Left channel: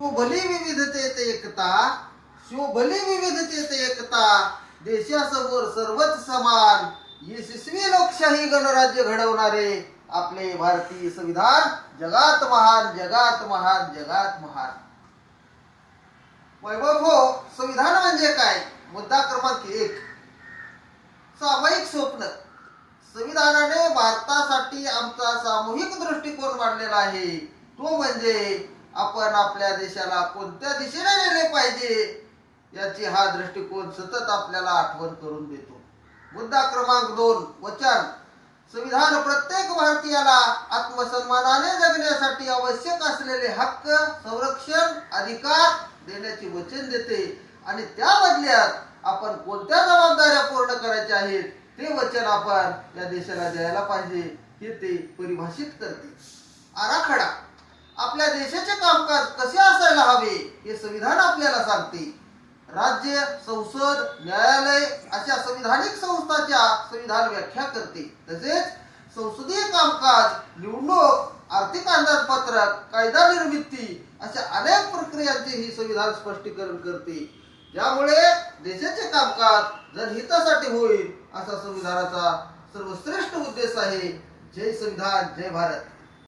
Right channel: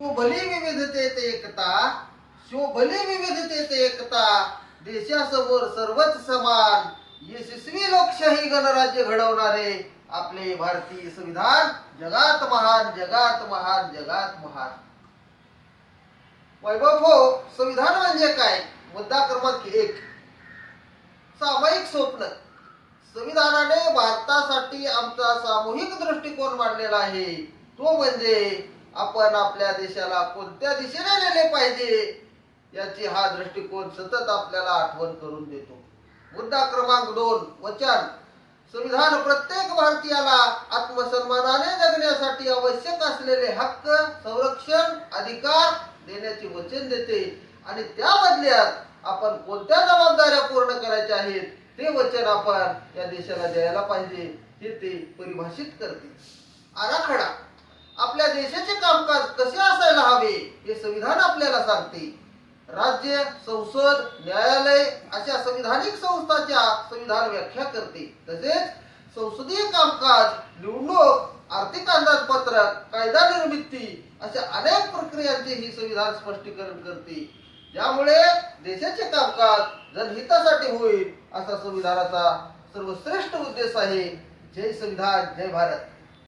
भली विविधतेत एकता, भली विविधतेत एकता, देशासमोर सर्वच समान, यशस्वी लोकशाही गणराज्य घडवणारे आपले भारतीय संविधान जगात महान, जगात महान, जगात महान. वैभव हो, संविधान म्हणजे काय? मुद्दा क्रमांक 1, सामायिक स्वप्न. संविधानाने भारतासाठी आमचा सामूहिक दृष्टिकोन मांडलेला आहे. तो म्हणजे आपण आपल्या देशाला कोणत्या दिशेने नेले पाहिजे याची हा दृष्टिकोन सतत आपल्याला आठवण करून देतो. मुद्दा क्रमांक 2, वचन. संविधान प्रत्येक भारतीयाला आत्मसन्मानाने जगण्यासाठी आवश्यक असलेले हक्क, संरक्षण, अधिकार देण्याचे वचन देते आणि त्या बदल्यात आपण कोणत्या जबाबदाऱ्या पूर्ण करायच्या आहेत ते वचन आपण या देशाला द्यायला पाहिजे हे ते परिभाषित करते. आराखडा. आपल्या देशाचे कामकाज कसे असायला हवे हे संविधान आपल्याला सांगते. राज्य, संसद, न्यायालय अशा संविधानिक संस्थांच्या संविधान व्याख्या करते. तसेच संसदीय कामकाज, निवडणूक, आर्थिक अंदाजपत्रक, कायदा निर्मिती अशा अनेक प्रक्रियांचे ही संविधान स्पष्टीकरण करते. यामुळे देशाचे कामकाज जनहितासाठी होईल असा संविधानाचा सर्वश्रेष्ठ उद्देश आहे. जय संविधान, जय भारत.